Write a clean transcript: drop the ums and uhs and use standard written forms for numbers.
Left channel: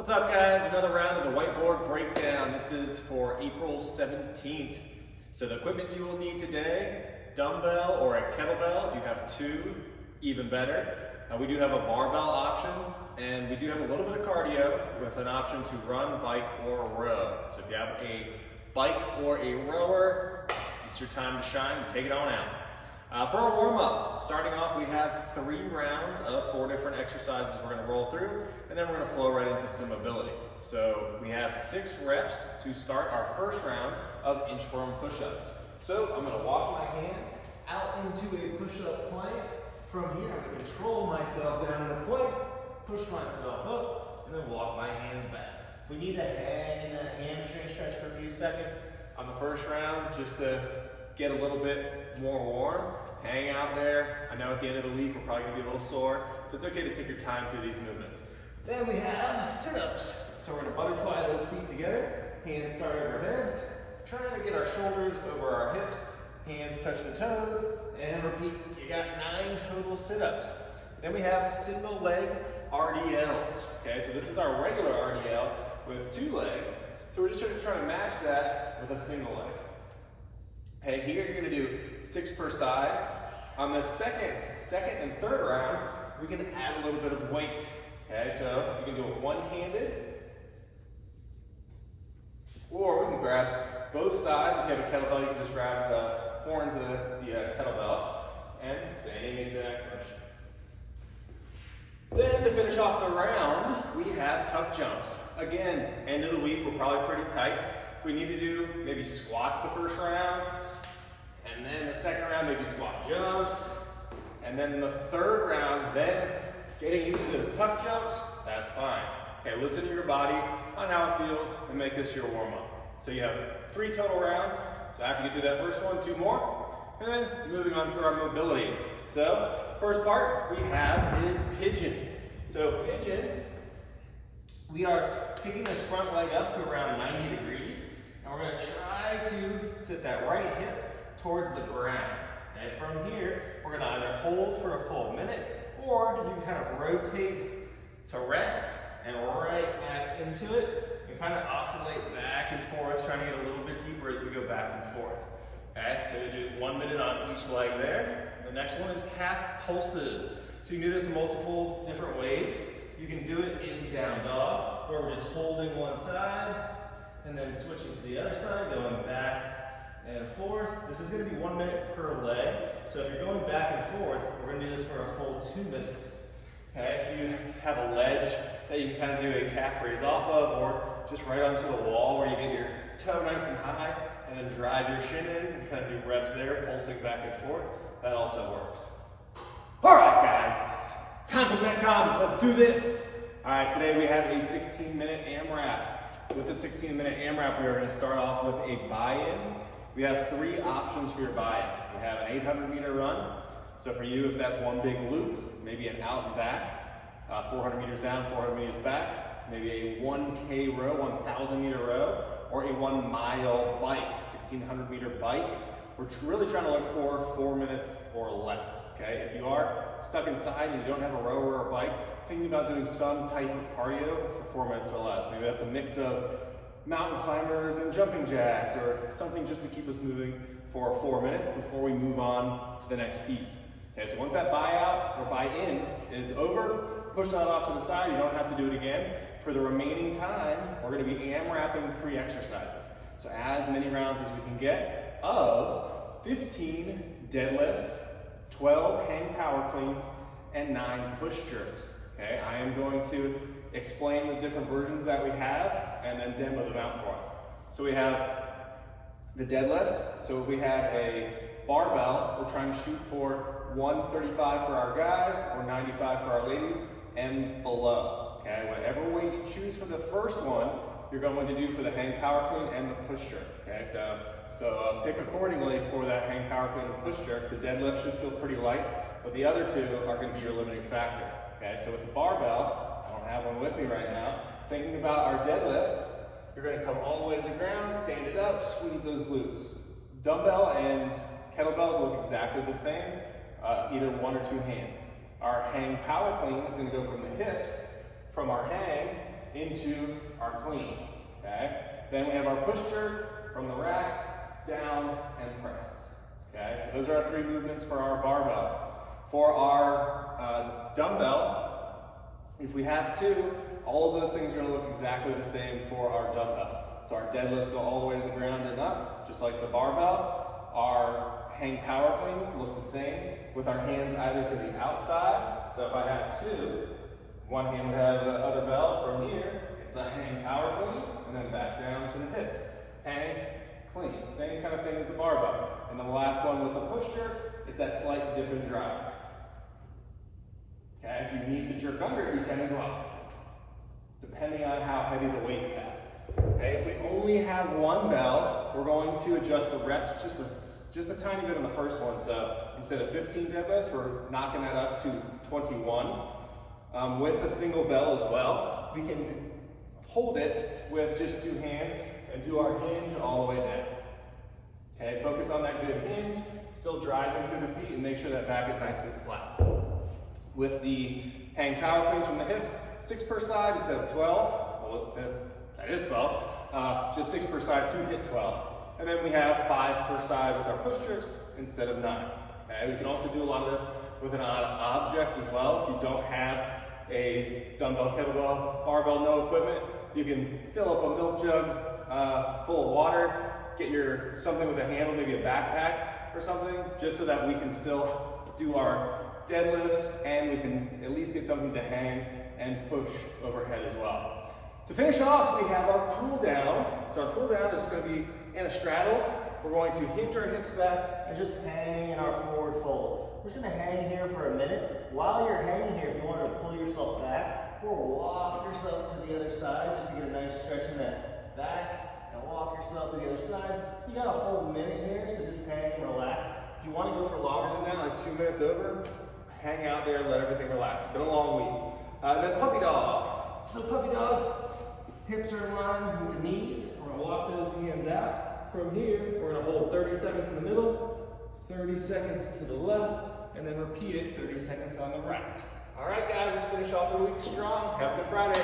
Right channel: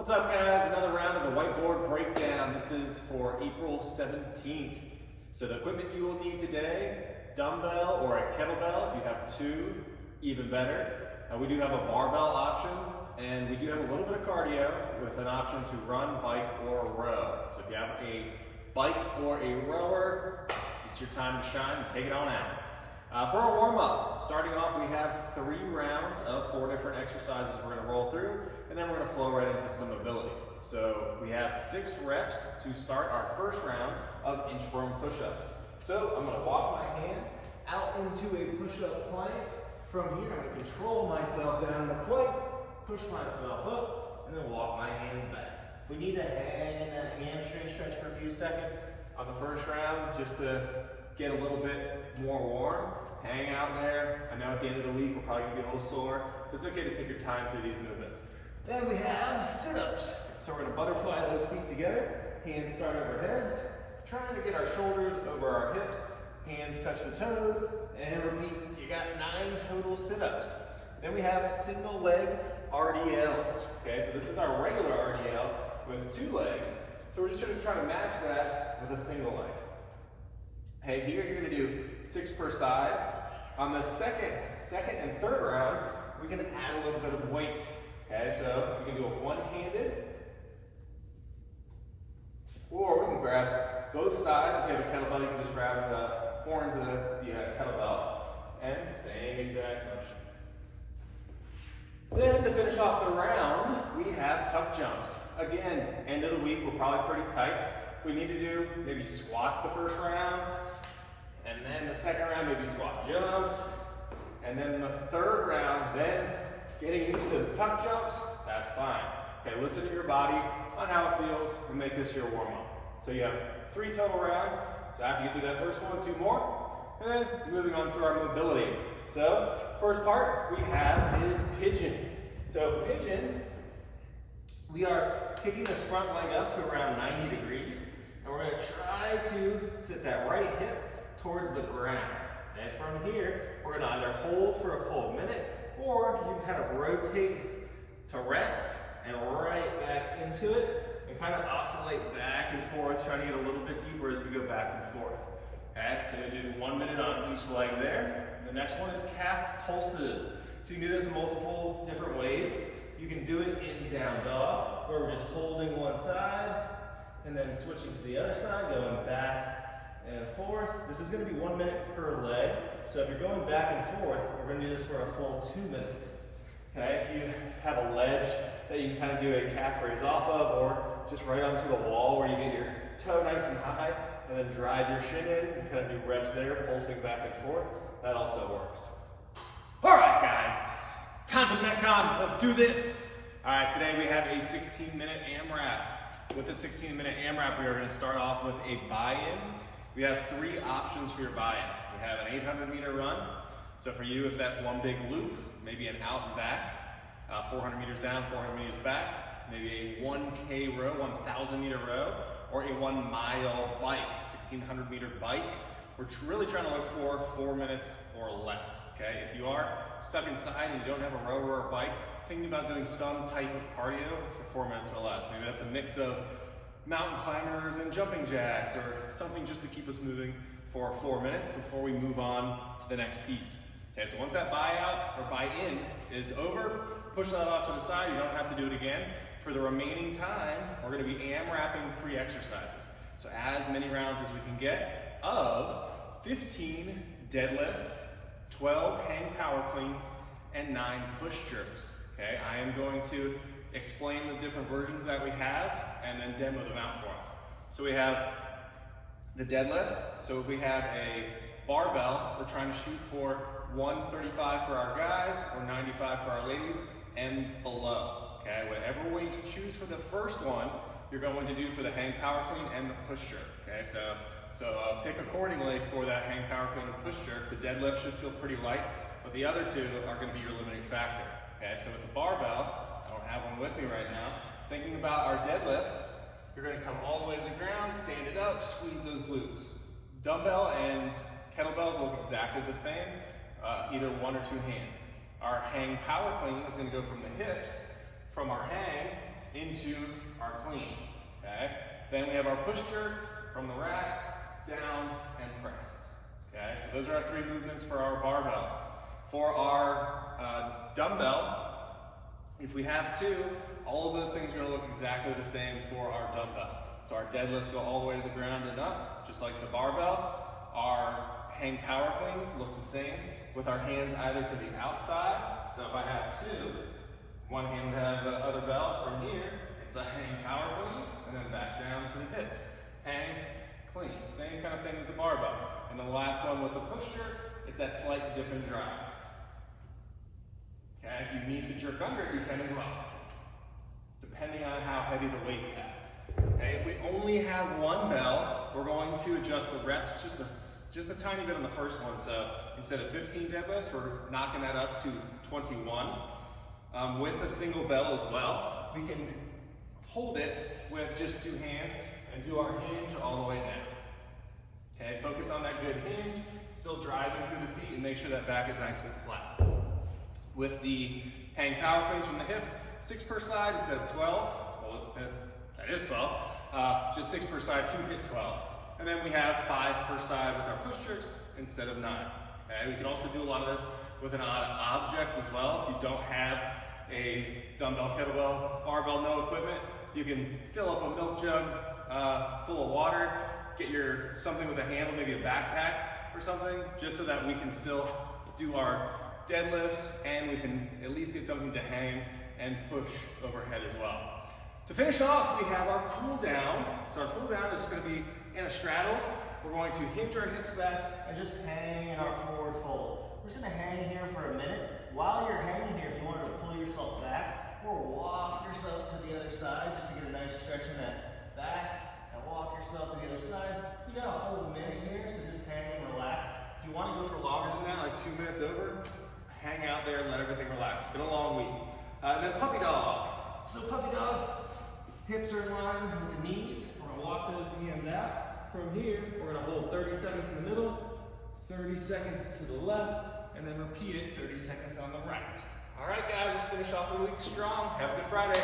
What's up, guys? Another round of the Whiteboard Breakdown. This is for April 17th. So the equipment you will need today, dumbbell or a kettlebell. If you have two, even better. We do have a barbell option, and we do have a little bit of cardio with an option to run, bike, or row. So if you have a bike or a rower, it's your time to shine. Take it on out. For our warm-up, starting off, we have 3 rounds of 4 different exercises we're going to roll through, and then we're going to flow right into some mobility. So we have 6 reps to start our first round of inchworm push-ups. So I'm going to walk my hand out into a push-up plank. From here, I'm going to control myself down in a plank, push myself up, and then walk my hands back. If we need to hang in that hamstring stretch for a few seconds on the first round, just to get a little bit more warm, hang out there. I know at the end of the week we're probably going to be a little sore, so it's okay to take your time through these movements. Then we have sit-ups. So we're going to butterfly those feet together, hands start overhead, trying to get our shoulders over our hips, hands touch the toes, and repeat. You got 9 total sit-ups. Then we have single leg RDLs. Okay, so this is our regular RDL with 2 legs. So we're just trying to match that with a single leg. Okay, here you're going to do 6 per side. On the second and third round, we can add a little bit of weight. Okay, so you can do it one-handed, or we can grab both sides. If you have a kettlebell, you can just grab the horns of the kettlebell, and same exact motion. Then to finish off the round, we have tuck jumps. Again, end of the week, we're probably pretty tight. If we need to do maybe squats the first round, and then the second round, maybe squat jumps, and then the third round, then getting into those tuck jumps, that's fine. Okay, listen to your body on how it feels and make this your warm-up. So you have 3 total rounds. So after you get through that first one, 2 more, and then moving on to our mobility. So first part we have is pigeon. So pigeon, we are picking this front leg up to around 90 degrees, and we're going to try to sit that right hip towards the ground. And from here, we're going to either hold for a full minute, or you can kind of rotate to rest and right back into it, and kind of oscillate back and forth, trying to get a little bit deeper as we go back and forth. Okay, so you do 1 minute on each leg there. The next one is calf pulses. So you can do this in multiple different ways. You can do it in down dog, where we're just holding one side, and then switching to the other side, going back and forth. This is going to be 1 minute per leg. So if you're going back and forth, we're going to do this for a full 2 minutes. Okay, if you have a ledge that you can kind of do a calf raise off of, or just right onto the wall where you get your toe nice and high, and then drive your shin in and kind of do reps there, pulsing back and forth, that also works. All right, guys, time for the Metcon. Let's do this. All right, today we have a 16-minute AMRAP. With the 16-minute AMRAP, we are going to start off with a buy-in. We have 3 options for your buy-in. We have an 800-meter run. So for you, if that's one big loop, maybe an out and back, 400 meters down, 400 meters back, maybe a 1K row, 1,000-meter row, or a 1 mile bike, 1,600 meter bike. We're really trying to look for 4 minutes or less, okay? If you are stuck inside and you don't have a rower or a bike, think about doing some type of cardio for 4 minutes or less. Maybe that's a mix of mountain climbers and jumping jacks, or something just to keep us moving for 4 minutes before we move on to the next piece. Okay, so once that buy-out or buy-in is over, push that off to the side. You don't have to do it again. For the remaining time, we're going to be AMRAPing 3 exercises. So as many rounds as we can get of 15 deadlifts, 12 hang power cleans, and 9 push jerks. Okay, I am going to explain the different versions that we have and then demo them out for us. So we have the deadlift. So if we have a barbell, we're trying to shoot for 135 for our guys or 95 for our ladies and below. Okay, whatever weight you choose for the first one, you're going to do for the hang power clean and the push jerk. Okay, so pick accordingly for that hang power clean and push jerk. The deadlift should feel pretty light, but the other 2 are going to be your limiting factor. Okay, so with the barbell, I don't have one with me right now. Thinking about our deadlift, you're going to come all the way to the ground, stand it up, squeeze those glutes. Dumbbell and kettlebells look exactly the same, either 1 or 2 hands. Our hang power clean is going to go from the hips, from our hang, into our clean, okay? Then we have our push jerk from the rack, down, and press, okay? So those are our 3 movements for our barbell. For our dumbbell, if we have 2, all of those things are gonna look exactly the same for our dumbbell. So our deadlifts go all the way to the ground and up, just like the barbell. Our hang power cleans look the same with our hands either to the outside. So if I have 2, one hand would have the other bell. From here, it's a hang power clean, and then back down to the hips. Hang, clean. Same kind of thing as the barbell. And then the last one with the push jerk, it's that slight dip and drive. Okay, if you need to jerk under it, you can as well, depending on how heavy the weight you have. Okay, if we only have 1 bell, we're going to adjust the reps just a tiny bit on the first one. So instead of 15 deadlifts, we're knocking that up to 21. With a single bell as well, we can hold it with just 2 hands and do our hinge all the way down. Okay, focus on that good hinge, still driving through the feet, and make sure that back is nice and flat. With the hang power cleans from the hips, 6 per side instead of 12. Well, that is 12. Just 6 per side to hit 12. And then we have 5 per side with our push jerks instead of 9. Okay, we can also do a lot of this with an odd object as well. If you don't have a dumbbell, kettlebell, barbell, no equipment, you can fill up a milk jug full of water, get something with a handle, maybe a backpack or something, just so that we can still do our deadlifts and we can at least get something to hang and push overhead as well. To finish off, we have our cool down. So our cool down is just going to be in a straddle. We're going to hinge our hips back and just hang in our forward fold. We're just going to hang here for a minute. While you're hanging here, if you want to pull yourself back or walk yourself to the other side just to get a nice stretch in that back and walk yourself to the other side. You got a whole minute here, so just hang and relax. If you want to go for longer than that, like 2 minutes over, hang out there, let everything relax. It's been a long week. Then puppy dog. So puppy dog, hips are in line with the knees. We're going to walk those hands out. From here, we're going to hold 30 seconds in the middle, 30 seconds to the left, and then repeat it 30 seconds on the right. All right, guys, let's finish off the week strong. Have a good Friday.